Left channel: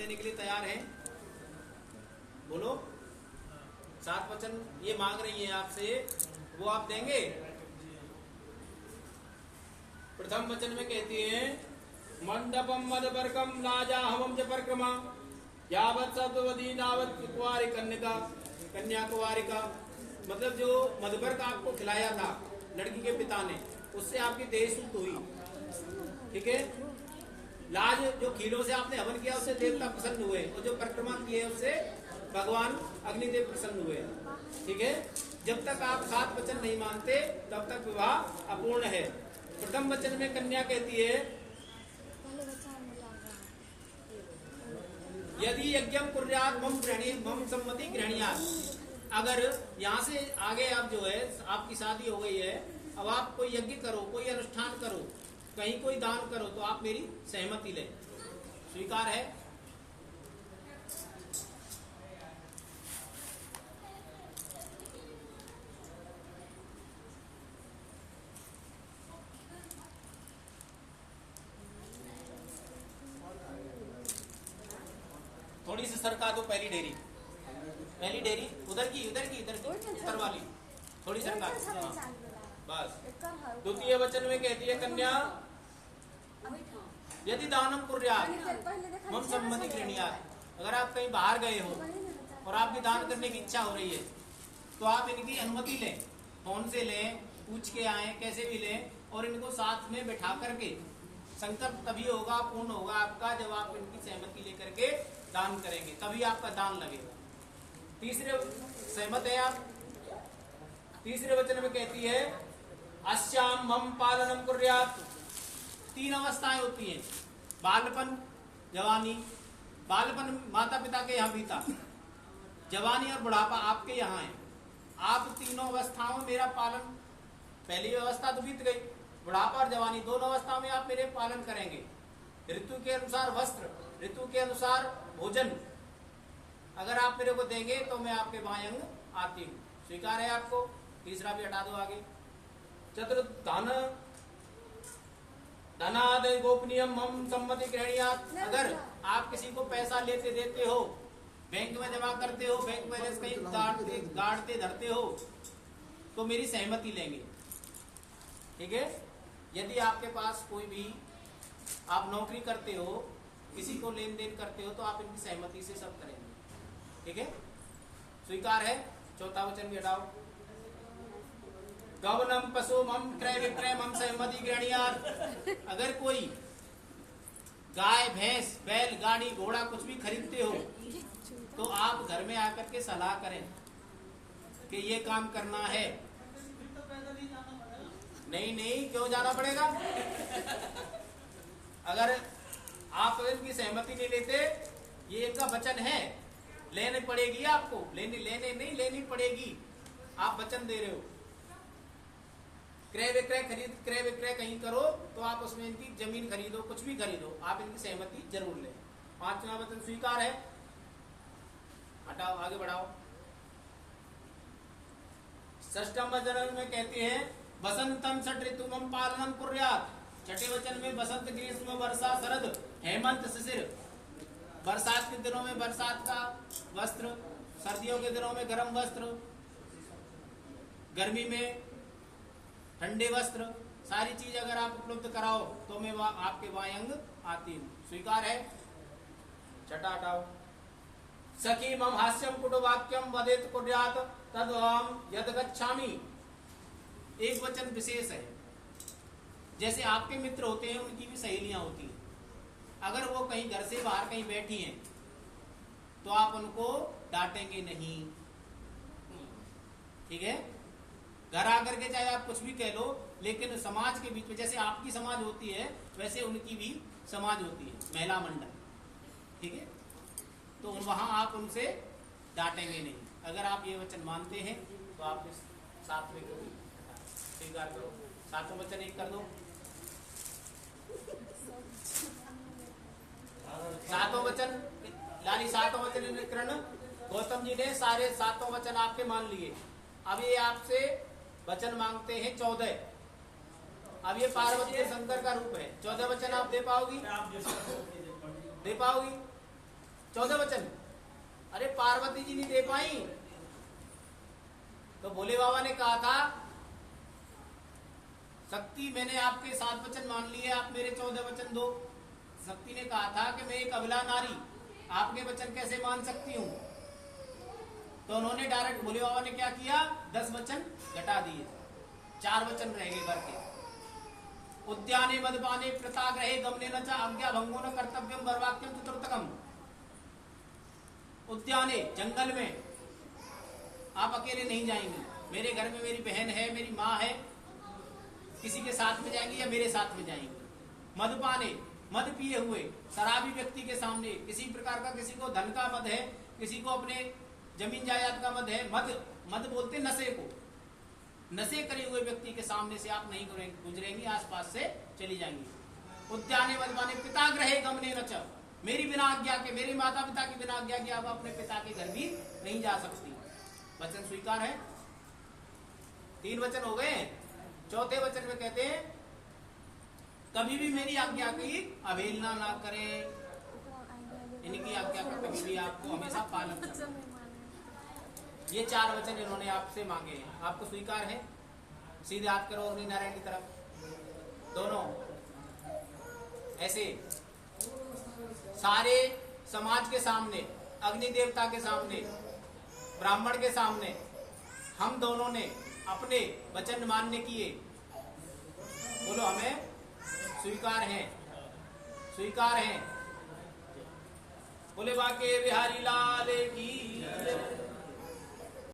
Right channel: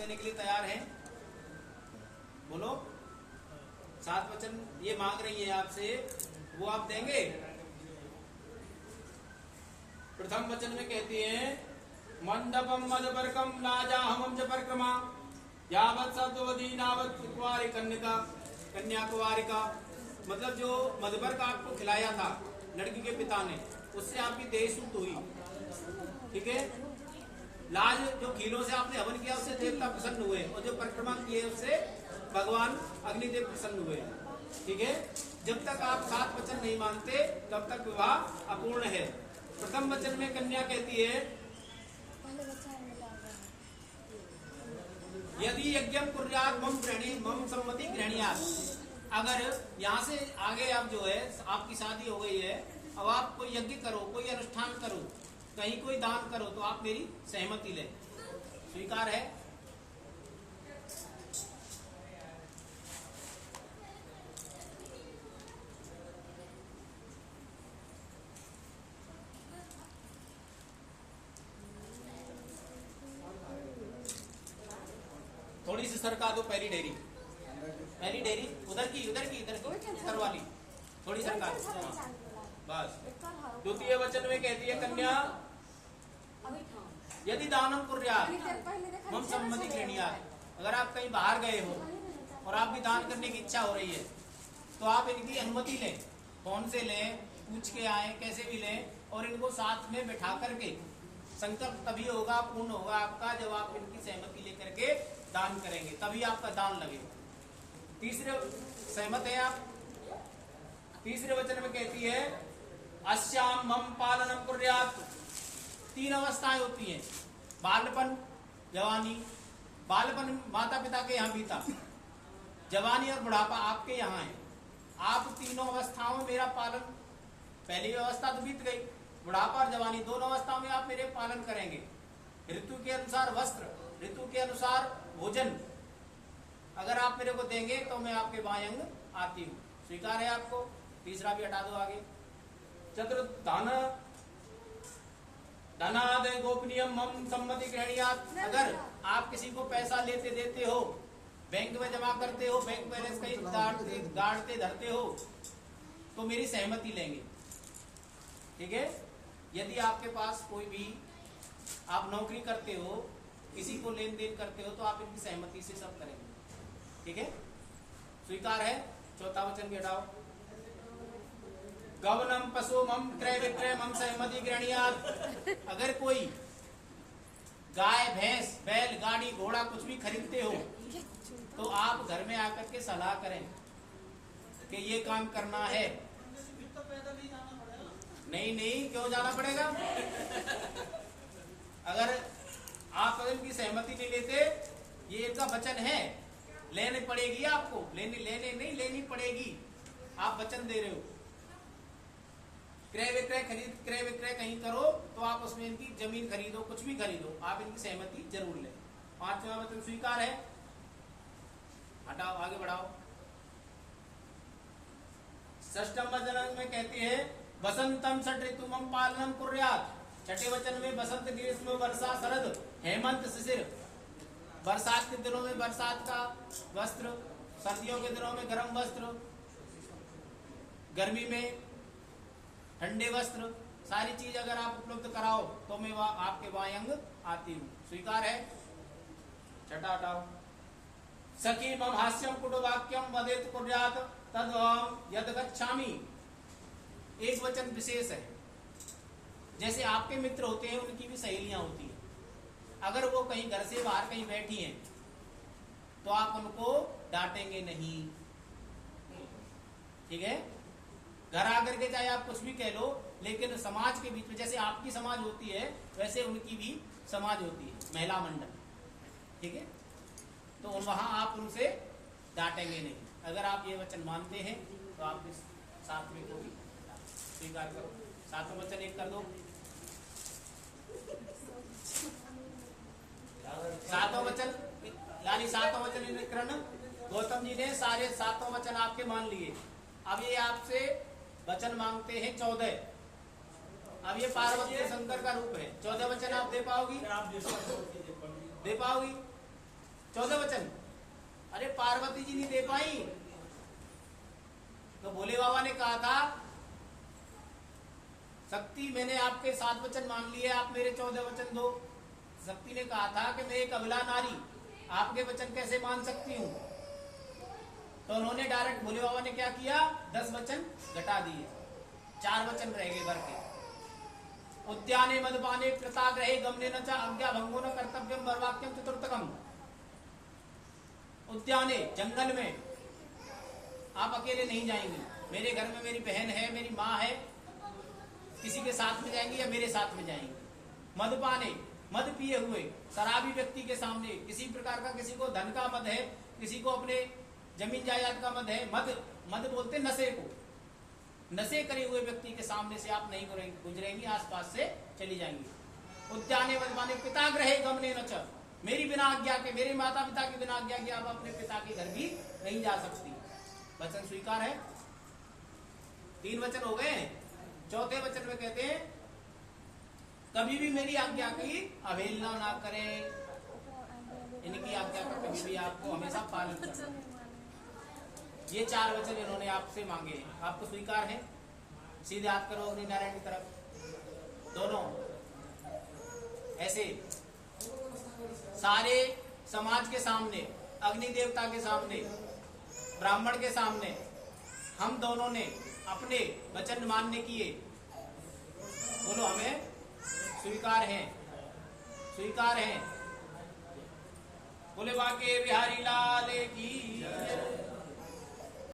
देने के लिए तैयार हैं? बोलो। 7 वचन ये मांग रही है आपसे, वो आप देंगे? प्रथम वचन में कहती है मंडपम मदपर्कम नाजाहवम च परिक्रमा यावत् सत्ववती नावत् कुंवारी कन्या कुंवारिका। मतलब जो मधुपर्क आपको खिलाया था लड़की के पिता ने, उससे आपकी देह शुद्ध हुई, ठीक है। लाज जो खीलों से आपने हवन किया उससे देवता प्रसन्न हुए, और जो परिक्रमा किए उससे भगवान अग्निदेव प्रसन्न हुए, ठीक है। जब तक आप 7 वचन नहीं मानते तब तक विवाह अपूर्ण है। प्रथम वचन में कन्या कहती है यदि यज्ञम कुर्यात मम सम्मति गृहणीयात्। अगर यहाँ से आगे आप जो है आपकी शादी हो गई है, अब आप कोई यज्ञ करो, कोई अनुष्ठान करो, कहीं कोई दान करो, तो आप मेरी सहमति लें। स्वीकार है? थोड़ी सी सरका दो पहली डेरी उधर वाली थोड़ी सरका। बस। द्वितीय वचन में कहती है कन्या यदि दानम कुर्यात् मम सम्मति गृहणीयात्। अगर आप कहीं बाहर गए हो और आपकी दान करने की इच्छा हो रही है तो आप इनकी अनुमति लें। कौन से लें, पूछ के आए, कैसे भी लें, और इनको साथ में बैठा करके संकल्प तभी होगा, पूर्ण होगा आपका जब आप इनकी सहमति लेकर के दान करेंगे, तभी आपका दान लगेगा। तीसरे सहमत है आप? तीसरे वचन में कहती है अस्याम मम पालनम कुर्यात्। 3 अवस्थाएं होती हैं, बालपन, जवानी। बालपन माता पिता के यहाँ बीता, जवानी और बुढ़ापा आपके यहाँ है। आप तीनों अवस्थाओं में मेरा पालन, पहली अवस्था तो बीत गई, बुढ़ापा और जवानी, दोनों अवस्थाओं में आप मेरे पालन करेंगे। ऋतु के अनुसार वस्त्र, ऋतु के अनुसार भोजन अगर आप मेरे को देंगे तो मैं आपके बायंग आती हूँ। स्वीकार है आपको? तीसरा भी हटा दो आगे। चतुर्थ धनाद गोपनीयम मम सम्मति गृहणीयात्। अगर आप किसी को पैसा लेते देते हो, बैंक में जमा करते हो, बैंक बैलेंस कहीं गाड़ते धरते हो, तो मेरी सहमति लेंगे, ठीक है। यदि आपके पास कोई भी आप नौकरी करते हो, किसी को लेन देन करते हो, तो आप इनकी सहमति से सब करेंगे, ठीक है। स्वीकार है? चौथा वचन भी हटाओ। गवनम पशु मम क्रय विक्रय मम सहमति गृहणीयात्। अगर कोई गाय, भैंस, बैल, गाड़ी, घोड़ा कुछ भी खरीदते हो तो आप घर में आकर के सलाह करें कि ये काम करना है। नहीं, क्यों जाना पड़ेगा? अगर आप इनकी सहमति नहीं लेते, ये इनका वचन है, लेनी पड़ेगी आपको, लेनी पड़ेगी। आप वचन दे रहे हो। क्रय विक्रय कहीं करो तो आप उसमें इनकी जमीन खरीदो, कुछ भी खरीदो, आप इनकी सहमति जरूर लें। 5वां वचन स्वीकार है? हटाओ, आगे बढ़ाओ। 6ठम वचन में कहती है बसंतम षट ऋतुमं पालनम कुर्यात्। 6ठे वचन में बसंत, ग्रीष्म, वर्षा, शरद, हेमंत, शिशिर। बरसात के दिनों में बरसात का वस्त्र, सर्दियों के दिनों में गर्म वस्त्र, गर्मी में ठंडे वस्त्र, सारी चीज अगर आप उपलब्ध कराओ तो मैं आपके वायंग आती हूँ। स्वीकार है? 6ठा हटाओ। सखी मम हास्यम कुटुवाक्यम वदेत कुर्यात् तद्वहम यद गच्छामि। एक वचन विशेष है, जैसे आपके मित्र होते हैं उनकी भी सहेलियां होती हैं। अगर वो कहीं घर से बाहर कहीं बैठी हैं तो आप उनको डांटेंगे नहीं, ठीक है। घर आकर के चाहे आप कुछ भी कह लो, लेकिन समाज के बीच में जैसे आपकी समाज होती है वैसे उनकी भी समाज होती है, महिला मंडल, ठीक है। तो वहां आप उनसे डांटेंगे नहीं। अगर आप ये वचन मानते हैं तो आप इस 7वें को भी स्वीकार करो। 7वां वचन एक कर दो। 7वां वचन लाली 7वां वचन निकरण गौतम जी ने सारे 7वां वचन आपके मान लिए। अब ये आपसे वचन मांगते हैं 14। अब ये पार्वती और शंकर का रूप है। 14 वचन आप दे पाओगी? दे पाओगी? 14 वचन। अरे पार्वती जी नहीं दे पाई, तो भोले बाबा ने कहा था शक्ति मैंने आपके 7 वचन मान लिए, आप मेरे 14 वचन दो। शक्ति ने कहा था कि मैं एक अबला नारी आपके वचन कैसे मान सकती हूं। तो उन्होंने डायरेक्ट भोले बाबा ने क्या किया, 10 वचन घटा दिए, 4 वचन रह गए भर के। उद्याने मदपाने प्रताग्रहे गमने न च आज्ञा भंगो न कर्तव्यम बर्वाक्यम चतुर्थकम। उद्याने जंगल में आप अकेले नहीं जाएंगी, मेरे घर में मेरी बहन है, मेरी माँ है, किसी के साथ में जाएंगी या मेरे साथ में जाएंगी। मदपाने मद पिए हुए शराबी व्यक्ति के सामने, किसी प्रकार का, किसी को धन का मद है, किसी को अपने जमीन जायदाद का मद है, मद बोलते नशे को, नशे करे हुए व्यक्ति के सामने से आप नहीं गुजरेंगी, आसपास से चली जाएंगी। उद्याने मदपाने पिताग्रहे गमने न च, मेरी बिना आज्ञा के, मेरे माता पिता की बिना आज्ञा के आप अपने पिता के घर भी नहीं जा सकती। वचन स्वीकार है। 3 वचन हो गए। चौथे वचन में कहते हैं कभी भी मेरी आज्ञा की अवहेलना ना करें, इनकी आज्ञा का कभी भी आपको हमेशा पालन करना। ये 4 वचन इन्होंने आपसे मांगे हैं, आपको स्वीकार है। सीधे हाथ करो अग्नि नारायण की तरफ, दोनों ऐसे सारे समाज के सामने, अग्नि देवता के सामने, ब्राह्मण के सामने हम दोनों ने अपने वचन मान्य किए। बोलो हमें स्वीकार है, स्वीकार है। बोले बाके बिहारी लाल की।